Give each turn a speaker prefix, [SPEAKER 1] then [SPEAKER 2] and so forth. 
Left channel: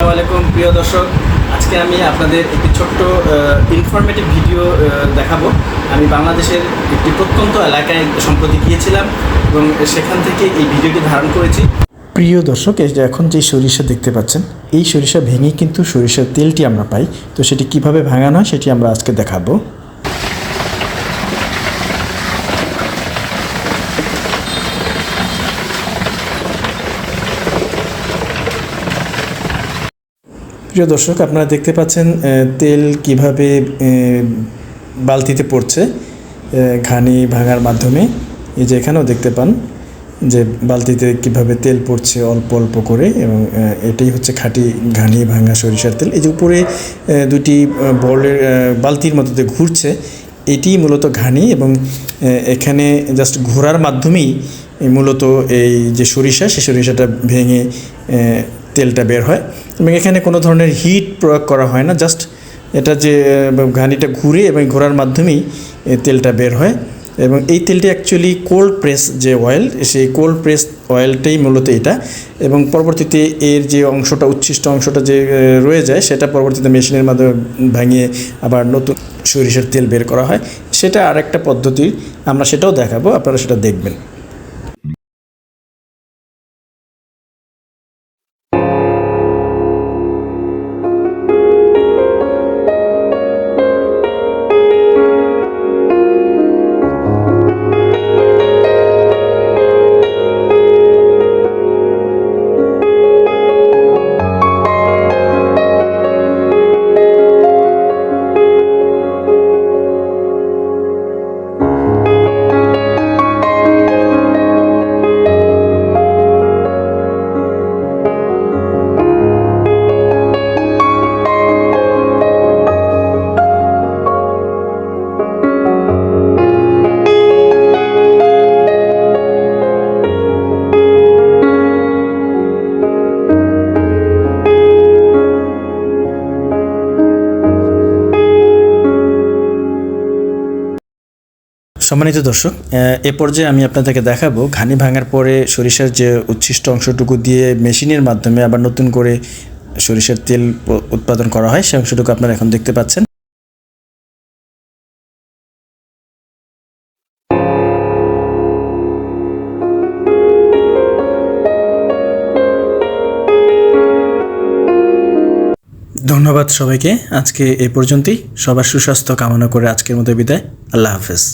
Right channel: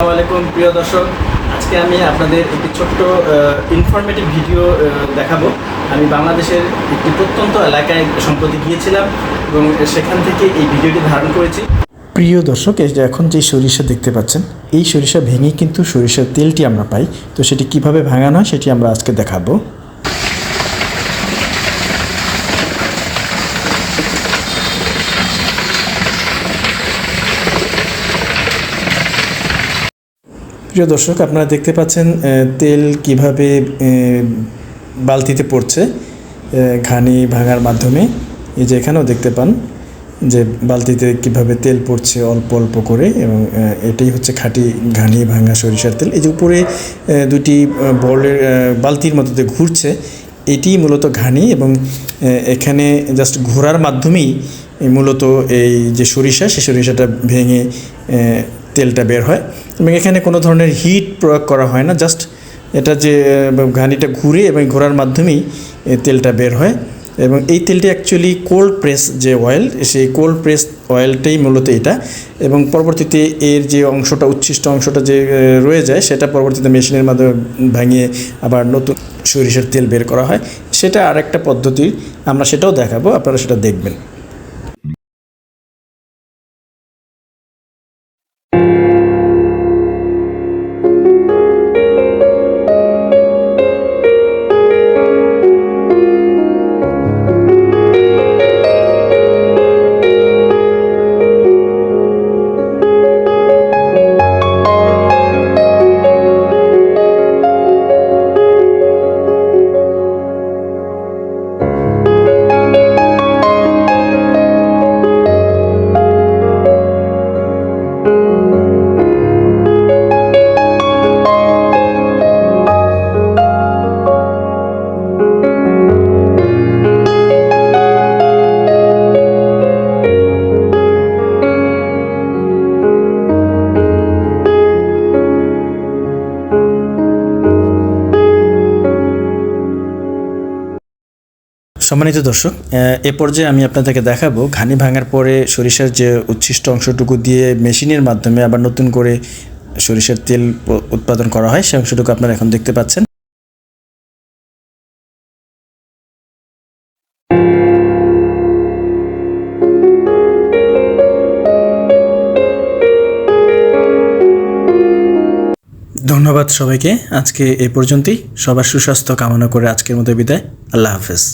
[SPEAKER 1] আলাইকুম, প্রিয় দর্শক। আজকে আমি আপনাদের একটি ছোট্ট ইনফরমেটিভ ভিডিও দেখাবো। আমি বাংলাদেশের একটি প্রত্যন্ত এলাকায় সম্প্রতি গিয়েছিলাম এবং সেখান থেকে এই ভিডিওটি ধারণ করেছি।
[SPEAKER 2] প্রিয় দর্শক, এই যে এখন যে সরিষা দেখতে পাচ্ছেন, এই সরিষা ভেঙে কিন্তু সরিষার তেলটি আমরা পাই। তো সেটি কীভাবে ভাঙানো হয়, সেটি আমরা আজকে দেখাবো। প্রিয় দর্শক, আপনারা দেখতে পাচ্ছেন তেল কীভাবে বালতিতে পড়ছে ঘানি ভাঙার মাধ্যমে। এই যে এখানেও দেখতে পান যে বালতিতে কীভাবে তেল পড়ছে অল্প অল্প করে এবং এটাই হচ্ছে খাঁটি ঘানি ভাঙা সরিষার তেল। এই যে উপরে দুটি বলের বালতির মধ্যে ঘুরছে, এটি মূলত ঘানি এবং এখানে জাস্ট ঘোরার মাধ্যমেই মূলত এই যে সরিষা সেই সরিষাটা ভেঙে তেলটা বের হয়। এবং এখানে কোনো ধরনের হিট প্রয়োগ করা হয় না জাস্ট এটা যে ঘানিটা ঘুরে এবং ঘোরার মাধ্যমেই তেলটা বের হয়। এবং এই তেলটি অ্যাকচুয়ালি কোল্ড প্রেস যে অয়েল সেই কোল্ড প্রেস অয়েলটাই মূলত এটা। এবং পরবর্তীতে এর যে অংশটা, উচ্ছিষ্ট অংশটা যে রয়ে যায়, সেটা পরবর্তীতে মেশিনের মাধ্যমে ভাঙিয়ে আবার নতুন সরিষার তেল বের করা হয়। সেটা আরেকটা পদ্ধতি, আমরা সেটাও দেখাবো, আপনারা সেটা দেখবেন। সম্মানিত দর্শক, এ পর্যায়ে আমি আপনাদেরকে দেখাবো ঘানি ভাঙার পরে সরিষার যে উচ্ছিষ্ট অংশটুকু দিয়ে মেশিনের মাধ্যমে আবার নতুন করে সরিষার তেল উৎপাদন করা হয় সেই অংশটুকু আপনারা এখন দেখতে পাচ্ছেন। ধন্যবাদ সবাইকে, আজকে এই পর্যন্তই। সবার সুস্বাস্থ্য কামনা করে আজকের মতো বিদায়। আল্লাহ হাফেজ।